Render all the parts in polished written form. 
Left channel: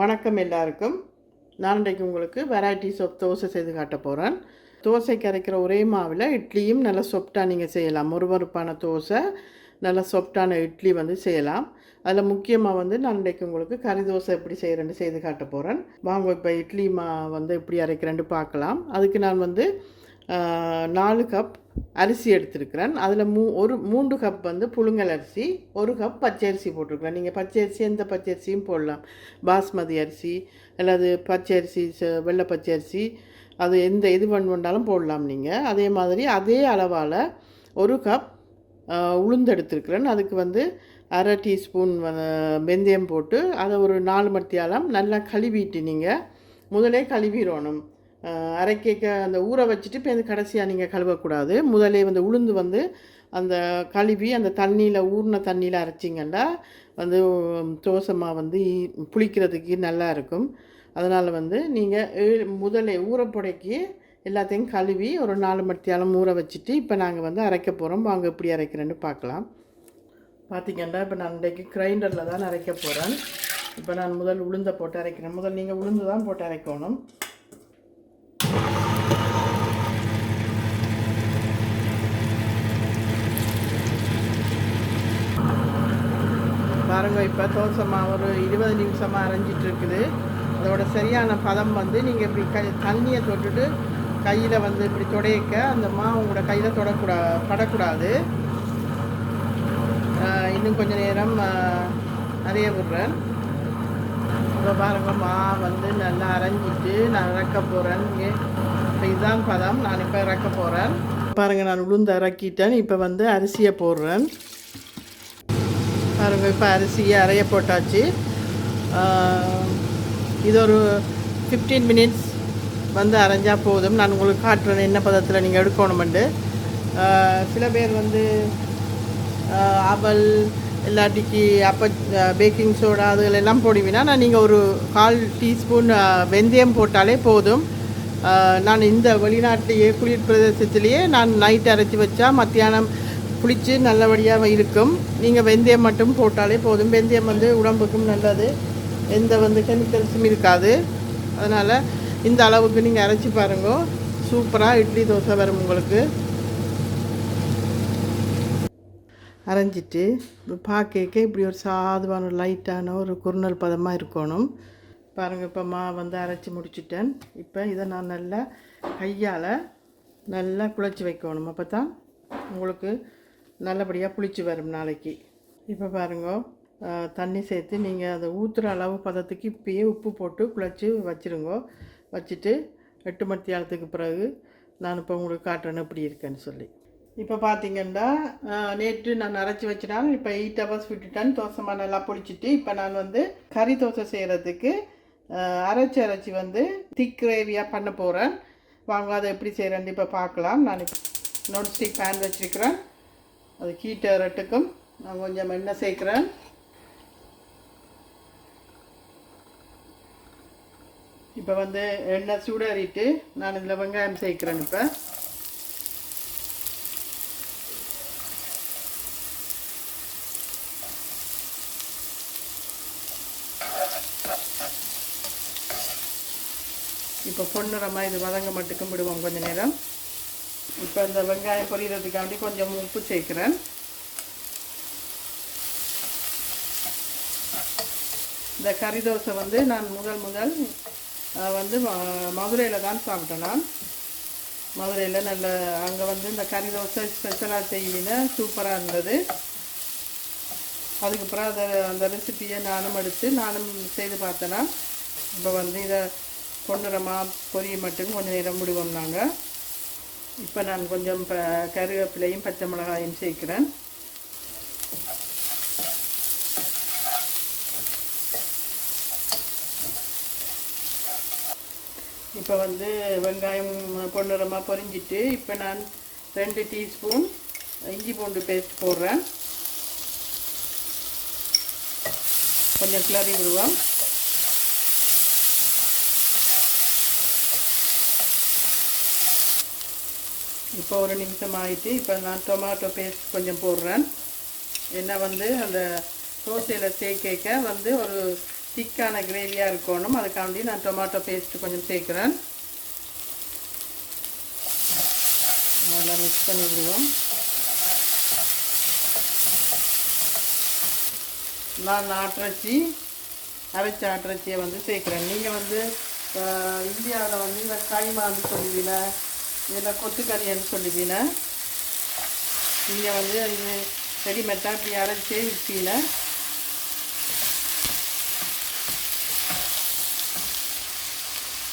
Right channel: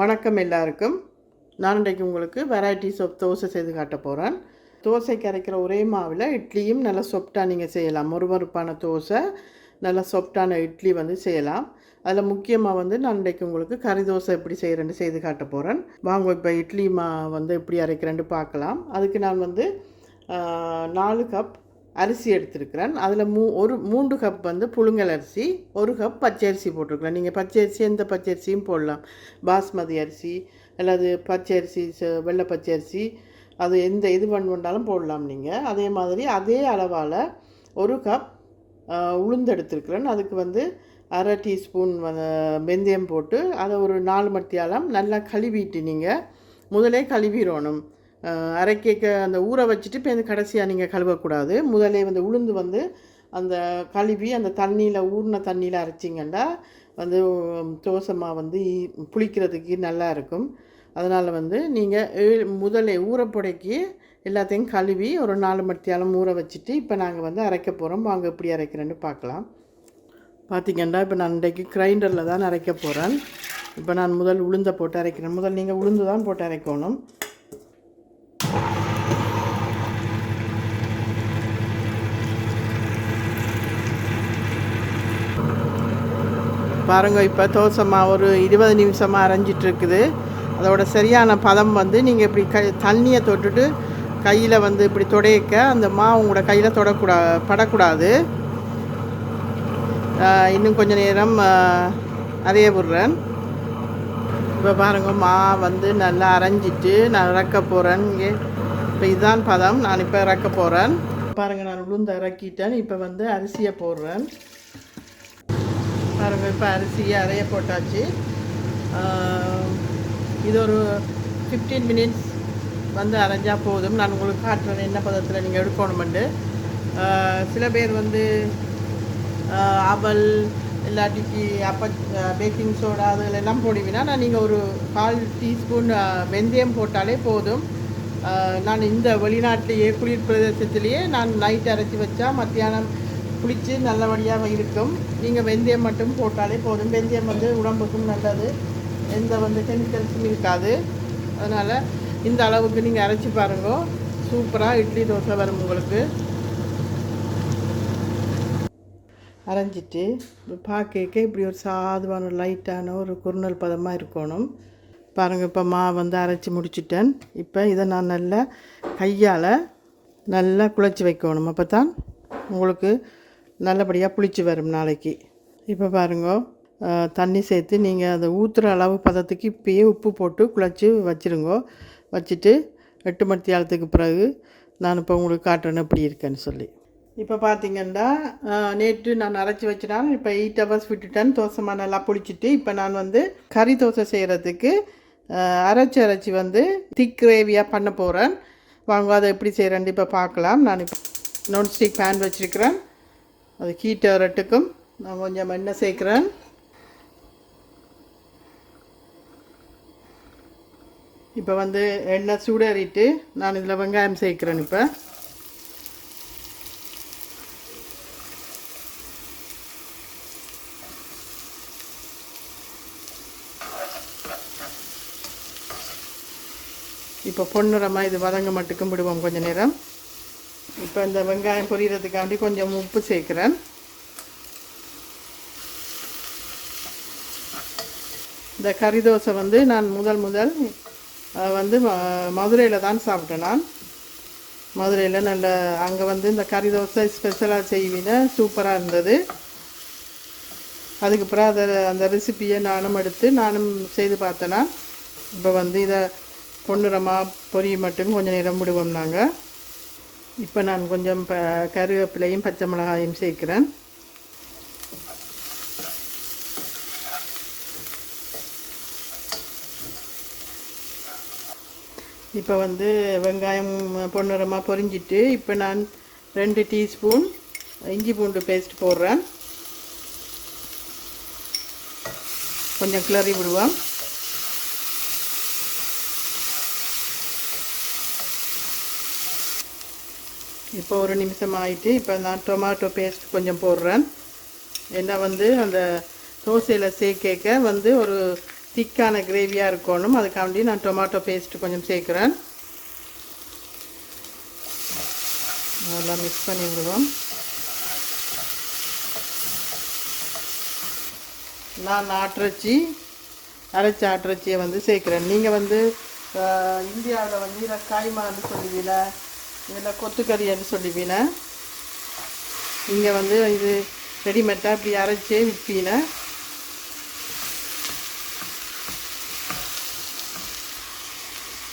வணக்கம் எல்லாருக்கும். நான் இன்றைக்கு உங்களுக்கு வெரைட்டிஸ் ஆஃப் தோசை செய்து காட்ட போகிறேன். தோசைக்கு அரைக்கிற ஒரே மாவில் இட்லியும் நல்லா சொப்டாக நீங்கள் செய்யலாம். மொறுமொறுப்பான தோசை, நல்லா சொப்டான இட்லி செய்யலாம். அதில் முக்கியமாக நான் இன்றைக்கு உங்களுக்கு கறி தோசை எப்படி செய்கிறேன்னு செய்து காட்ட போகிறேன். வாங்க இப்போ இட்லி மா எப்படி அரைக்கிறேன்னு பார்க்கலாம். அதுக்கு நான் 4 கப் அரிசி எடுத்துருக்கிறேன். அதில் 3 கப் புழுங்கல் அரிசி, 1 கப் பச்சை அரிசி போட்டிருக்கிறேன். நீங்கள் பச்சை அரிசி எந்த பச்சை அரிசியும் போடலாம். பாஸ்மதி அரிசி அல்லது பச்சை அரிசி, வெள்ளை பச்சை அரிசி, அது எந்த இது பண்ணாலும் போடலாம் நீங்கள். அதே மாதிரி அதே அளவால் 1 கப் உளுந்து எடுத்துருக்கிறேன். அதுக்கு அரை டீஸ்பூன் வெந்தயம் போட்டு அதை ஒரு 4 மணித்தியாலம் நல்லா கழுவிட்டு நீங்கள் முதலே கழுவிடணும். அரைக்க அந்த ஊற வச்சுட்டு இப்போ கடைசியாக நீங்கள் கழுவக்கூடாது. முதலே உளுந்து அந்த கழுவி அந்த தண்ணியில் ஊறின தண்ணியில் அரைச்சிங்கன்னா தோசை மாவு புளிக்கிறதுக்கு நல்லா இருக்கும். அதனால் நீங்கள் முதலே ஊறப்பொடைக்கி எல்லாத்தையும் கழுவி ஒரு 4 மணித்தியாலம் ஊற வச்சுட்டு இப்போ நாங்கள் அரைக்க போகிறோம். வாங்க எப்படி அரைக்கிறேன்னு பார்க்கலாம். பார்த்திங்கன்னா இப்போ நான் இன்றைக்கு கிரைண்டரில் தான் அரைக்க போகிறேன். இப்போ நான் முதல் உளுந்தை போட்டு அரைக்கிறேன். முதல் நீங்கள் உளுந்து தான் போட்டு அரைக்கணும். பாருங்க, இப்போ தோசை மாவு ஒரு 20 நிமிஷமாக அரைஞ்சிட்ருக்குது. அதோட சரியான பதம் நீங்கள் இப்படி தண்ணியை தொட்டுட்டு கையில் இப்படி துடைக்க அந்த மாவு உங்களோட கையில் படக்கூடாது. இன்னும் கொஞ்சம் நேரம் அரைய விடுறேன். இப்போ பாருங்கள், மா நல்லா அரைஞ்சிட்டு நான் இறக்க போகிறேன். இப்போ இதுதான் பதம். நான் இப்போ இறக்க போகிறேன். பாருங்கள், நான் உளுந்து இறக்கிட்டேன். இப்போ அரிசியை போடுறேன். பாருங்கள், இப்போ அரிசியை அரைய போட்டாச்சு. இது ஒரு 15 மினிட்ஸ் அரைஞ்சால் போதும். நான் உங்களுக்கு காட்டுறேன் என்ன பதத்தில் நீங்கள் எடுக்கணுமெண்டு. சில பேர் அவல் இல்லாட்டிக்கு பேக்கிங் சோடா அதுகளெல்லாம் போடுவீங்கன்னா நீங்கள் ஒரு 1/4 டீஸ்பூன் வெந்தயம் போட்டாலே போதும். நான் இந்த வெளிநாட்டிலேயே குளிர் பிரதேசத்துலேயே நான் நைட் அரைச்சி வச்சா மத்தியானம் புளிச்சு நல்லபடியாக இருக்கும். நீங்கள் வெந்தயம் மட்டும் போட்டாலே போதும். வெந்தயம் உடம்புக்கும் நல்லது, எந்த கெமிக்கல்ஸும் இருக்காது. அதனால் இந்த அளவுக்கு நீங்கள் அரைச்சி பாருங்க, சூப்பராக இட்லி தோசை வரும் உங்களுக்கு. அரைஞ்சிட்டு பார்க்க இப்படி ஒரு சாதுவான லைட்டான ஒரு குறுநல் பதமாக இருக்கணும். பாருங்கள், இப்போ மாவு அரைச்சி முடிச்சிட்டேன். இப்போ இதை நான் நல்லா கையால் நல்லா குழச்சி வைக்கணும். அப்போ தான் உங்களுக்கு நல்லபடியாக புளிச்சு வரும் நாளைக்கு. இப்போ பாருங்க, தண்ணி சேர்த்து நீங்கள் அதை ஊற்றுற அளவு பதத்துக்கு இப்போயே உப்பு போட்டு குழச்சி வச்சுருங்க. வச்சுட்டு 8 மணித்தியாலத்துக்கு பிறகு நான் இப்போ உங்களுக்கு காட்டுறேன்னு எப்படி இருக்கேன்னு சொல்லி. இப்போ பார்த்திங்கன்னா நேற்று நான் அரைச்சி வச்சுட்டேன். இப்போ 8 ஹவர்ஸ் விட்டுட்டேன். தோசைமா நல்லா புளிச்சிட்டு இப்போ நான் கறி தோசை செய்கிறதுக்கு அரைச்சி திக் கிரேவியாக பண்ண போகிறேன். வாங்க அதை எப்படி செய்கிறேன்னு இப்போ பார்க்கலாம். நான் இப்போ நான்ஸ்டிக் பேன் வச்சுருக்கிறேன். அது ஹீட் ஏறட்டுக்கும் நான் கொஞ்சம் எண்ணெய் சேர்க்குறேன். இப்போ எண்ணெய் சூடேறிட்டு நான் இதில் வெங்காயம் சேர்க்குறேன். இப்போ பொன்னிறமாக இது வதங்க மட்டுக்கும் விடுவோம் கொஞ்சம் நேரம். இப்போ இந்த வெங்காயம் பொரியறதுக்காண்டி கொஞ்சம் உப்பு சேர்க்குறேன். இந்த கறி தோசை நான் முதல் மதுரையில் தான் சாப்பிட்டேன். நான் மதுரையில் நல்ல அங்கே இந்த கறி தோசை ஸ்பெஷலாக செய்வீங்க, சூப்பராக இருந்தது. அதுக்கு அப்புறம் அந்த ரெசிப்பியை நானும் எடுத்து நானும் செய்து பார்த்தேன்னா. இப்போ இதை பொன்னிறமாக பொரிய மட்டும் கொஞ்சம் நேரம் விடுவோம் நாங்கள். இப்போ நான் கொஞ்சம் கருவேப்பிலையும் பச்சை மிளகாயும் சேர்க்குறேன். இப்போ வெங்காயம் பொன்னிறமாக பொரிஞ்சிட்டு இப்போ நான் 2 டீஸ்பூன் இஞ்சி பூண்டு பேஸ்ட் போடுறேன். கொஞ்சம் கிளறி விடுவோம். இப்போ ஒரு நிமிஷம் ஆகிட்டு இப்போ நான் டொமேட்டோ பேஸ்ட் கொஞ்சம் போடுறேன். ஏன்னா அந்த தோசையில் சேர்க்க ஒரு திக்கான கிரேவியாக இருக்கணும். அதுக்காண்டி நான் டொமேட்டோ பேஸ்ட்டு கொஞ்சம் சேர்க்குறேன். நல்லா மிக்ஸ் பண்ணிவிடுவோம். நான் ஆட்டிறைச்சி அரைச்சி ஆட்டிறைச்சியை வந்து சேர்க்குறேன். நீங்கள் வந்து இந்தியாவில் வந்து இதை காய்மான்னு சொல்லுவீங்க, இல்லை கொத்துக்கறின்னு சொல்லுவீங்க. நீங்கள் வந்து இது ரெடிமேட்டாக இப்படி அரைச்சே விற்பீங்க.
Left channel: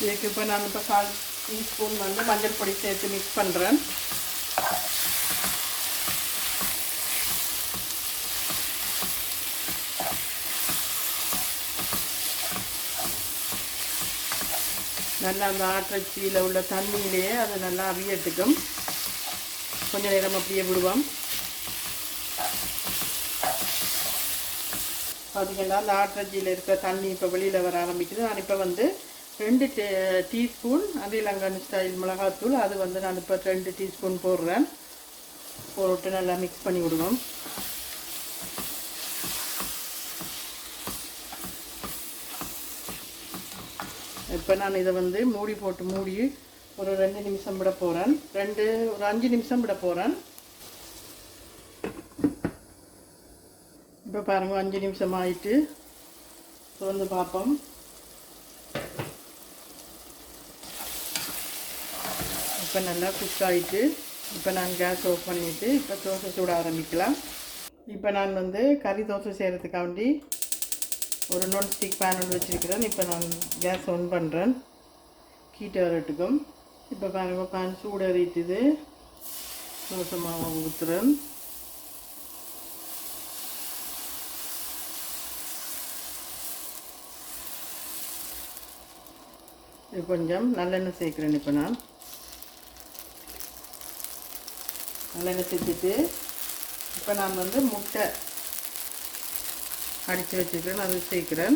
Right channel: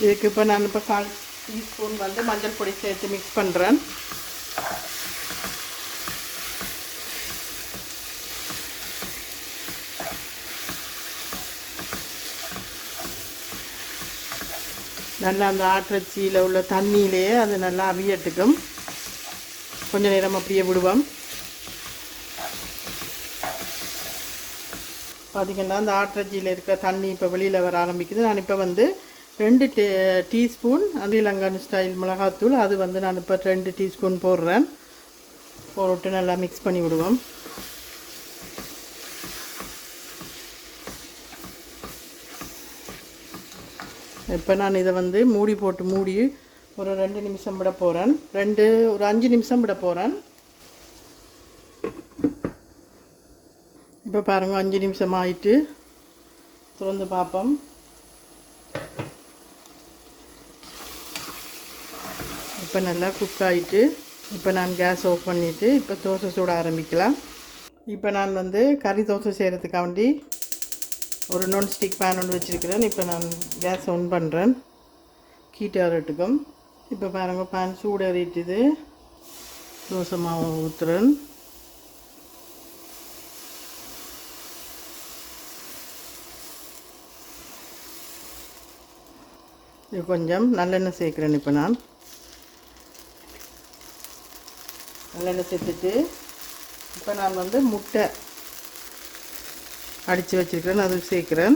இதுக்கு இப்போ நான் 1/4 டீஸ்பூன் வந்து மஞ்சள் பொடி சேர்த்து மிக்ஸ் பண்ணுறேன். நல்லா அந்த ஆட்டிறைச்சியில் உள்ள தண்ணியிலேயே அது நல்லா அவியட்டுக்கும். கொஞ்சம் நேரம் அப்படியே விடுவோம். பார்த்திங்கன்னா அந்த ஆட்டிறைச்சியில் இருக்க தண்ணி இப்போ வெளியில் வர ஆரம்பிக்குது. நான் இப்போ வந்து 2 டீஸ்பூன் ஸ்ரீலங்கன் ஸ்டைல் மிளகாத்தூள், அது வந்து நான் இப்போ 2 டீஸ்பூன் போடுறேன். போட்டு நல்லா மிக்ஸ் பண்ணி விடுவோம். இப்போ நான் இதை வந்து மூடி ஒரு 2 நிமிஷம் விட போகிறேன். ஒரு 5 நிமிஷம் விட போகிறேன். இப்போ பாருங்கள் 5 நிமிஷம் ஆயிட்டு திறந்து பார்ப்போம். இப்போ நல்லா குக் ஆகிட்டு இப்போ நான் கேஸ் ஆஃப் பண்ணிவிட்டு இப்போ தோசை சுட ஆரம்பிக்கலாம். இப்போ நான் வந்து கறி தோசை செய்கிறதுக்காண்டி ஒரு நான்ஸ்டிக் பேன் ஒன்று வச்சுருக்கிறேன். இப்போ நான் கேஸ் ஆன் பண்ணுறேன். கீட்டாரட்டுக்கும். இப்போ பாருங்கள் பேன் சூடேறிட்டுது. தோசை மாவை ஊற்றுறேன். இது கொஞ்சம் நல்லெண்ணெய் சேர்க்குறேன். இப்போ நான் நல்லெண்ணெய் சேர்த்துட்டு இப்போ நான் வந்து முட்டை அடித்து வச்சுருக்கிறேன், அது சேர்க்குறேன்.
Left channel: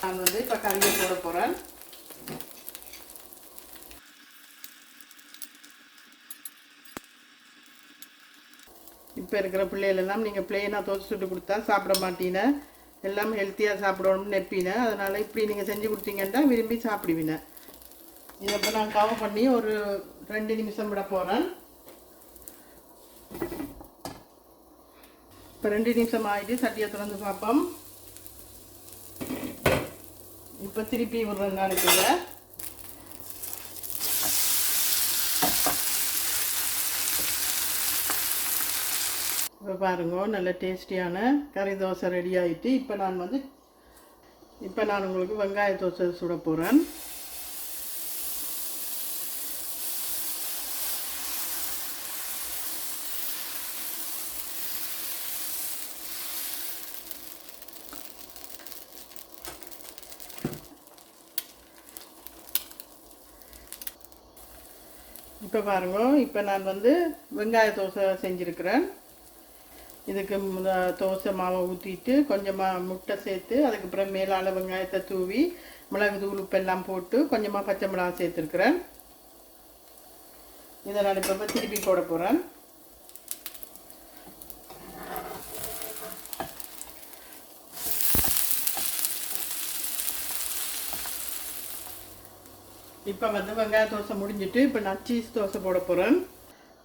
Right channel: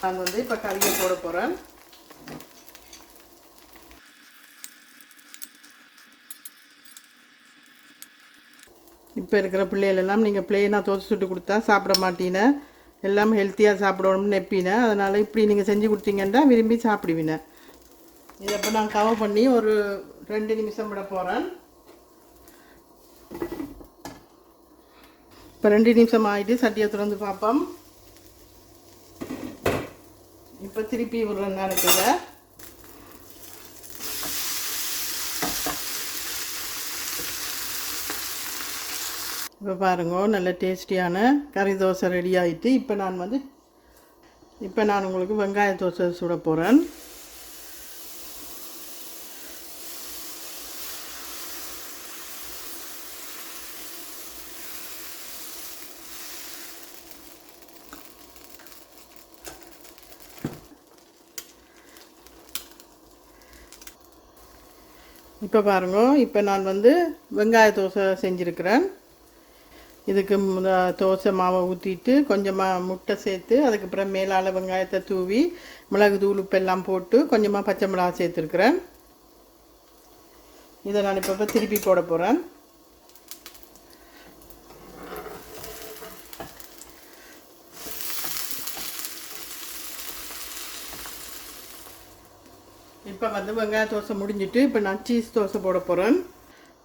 நான் வந்து இப்போ கறியை போட போகிறேன். இப்போ இருக்கிற பிள்ளைகளெல்லாம் நீங்கள் பிளெயினாக தோசை சுட்டு கொடுத்தா சாப்பிட மாட்டீங்க, எல்லாம் ஹெல்த்தியாக சாப்பிடணும்னு நினைப்பீங்க. அதனால் இப்படி நீங்கள் செஞ்சு கொடுத்தீங்கன்னா விரும்பி சாப்பிடுவீங்க. இதை இப்போ நான் கவர் பண்ணி ஒரு 2 நிமிஷம் விட போகிறேன். இப்போ 2 நிமிஷம் ஆகிட்டு சட்டியை திறந்து பார்ப்போம். இப்போ திருப்பி விடுறேன். நினைக்கிறத இப்போ பாருங்க, நல்ல டேஸ்டியான கறி தோசை ரெடி ஆகிட்டு இப்போ நான் உங்களுக்கு வெங்காய தோசை சுட போகிறேன். இப்போ பாருங்க, இப்போ நான் வந்து வெங்காய தோசை செஞ்சுருக்கிறேன். இதுக்கு தோசை மாவை ஊற்றிட்டு கொஞ்சமாக முட்டை சேர்த்து அதுக்கப்புறம் மேலால் வெங்காயத்தை தூவி மிளகு தூள் உப்பெல்லாம் போட்டு கொஞ்சமாக பச்சை மிளகா சேர்த்துருக்குறேன். இதை நான் இப்போ திருப்பி போட போகிறேன். இப்போ வந்து வெங்காய தோசை முடிஞ்சிட்டு இப்போ நான் சீஸ் தோசை போட போகிறேன்.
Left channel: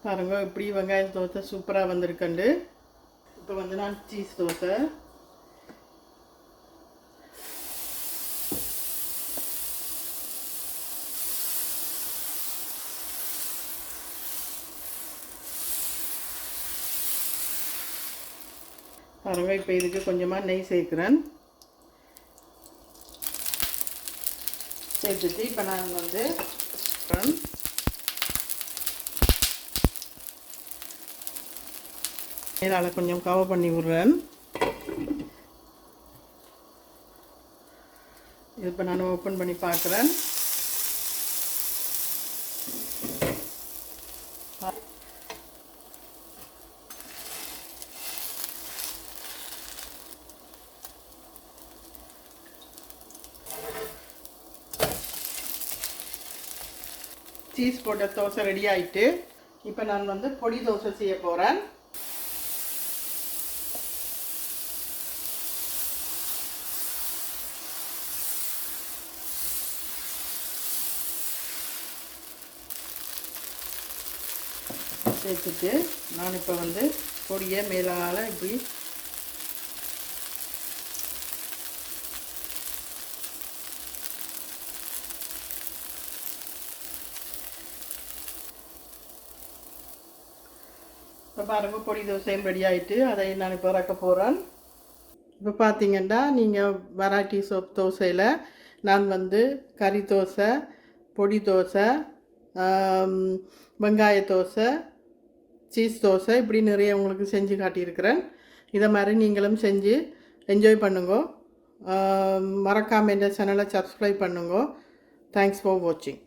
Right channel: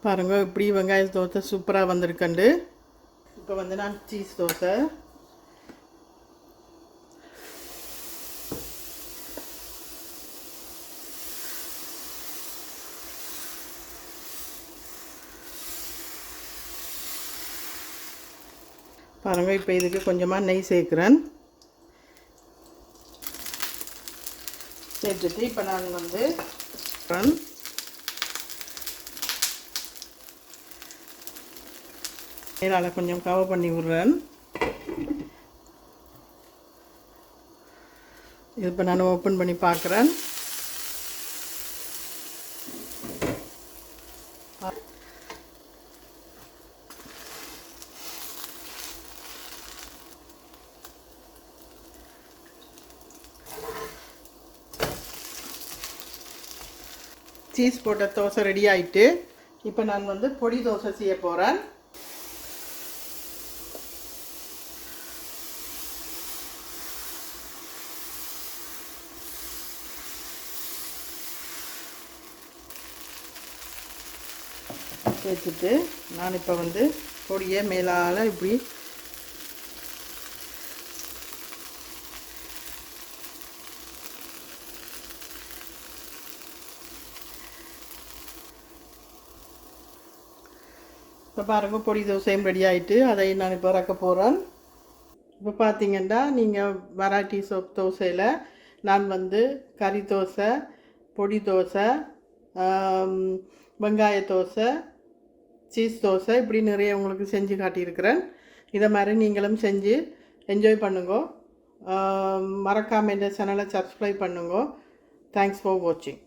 பாருங்கள் இப்படி வெங்காய தோசை சூப்பராக வந்திருக்கண்டு. இப்போ வந்து நான் சீஸ் தோசை பாருங்கள். இப்போ இதுக்கு கொஞ்சமாக நெய் சேர்க்குறேன். சேர்த்துட்டு இப்போ நான் வந்து மேலால் கொஞ்சம் கவர் பண்ணி விட்றேன். இப்போ நான் ஓப்பன் பண்ணி பார்க்குறேன். சீஸ் போட்ட தோசை ரெடி ஆகிட்டு இப்போ நான் வந்து பொடி தோசை செய்ய போகிறேன். வச்சுட்டு நான் இப்போ வந்து பொடியை மேலால் இப்படி இப்போ பாருங்க பொடி தோசையும் ரெடி ஆகிட்டு அதை நான் இப்போ இறக்க போகிறேன். இப்போ பார்த்தீங்கன்னா நீங்கள் வெரைட்டிஸ் ஆஃப் தோசையில் நான் வந்து கறி தோசை, பொடி தோசை, வெங்காய தோசை, சீஸ் தோசை இப்படி நிறைய உங்களுக்கு செஞ்சு காட்டியிருக்கிறேன். இதை மாதிரி நீங்களும் செஞ்சு என்ஜாய் பண்ணுங்க. மறக்காமல் இந்த சேனலை சப்ஸ்கிரைப் பண்ணுங்க. தேங்க்ஸ் ஃபார் வாட்சிங்.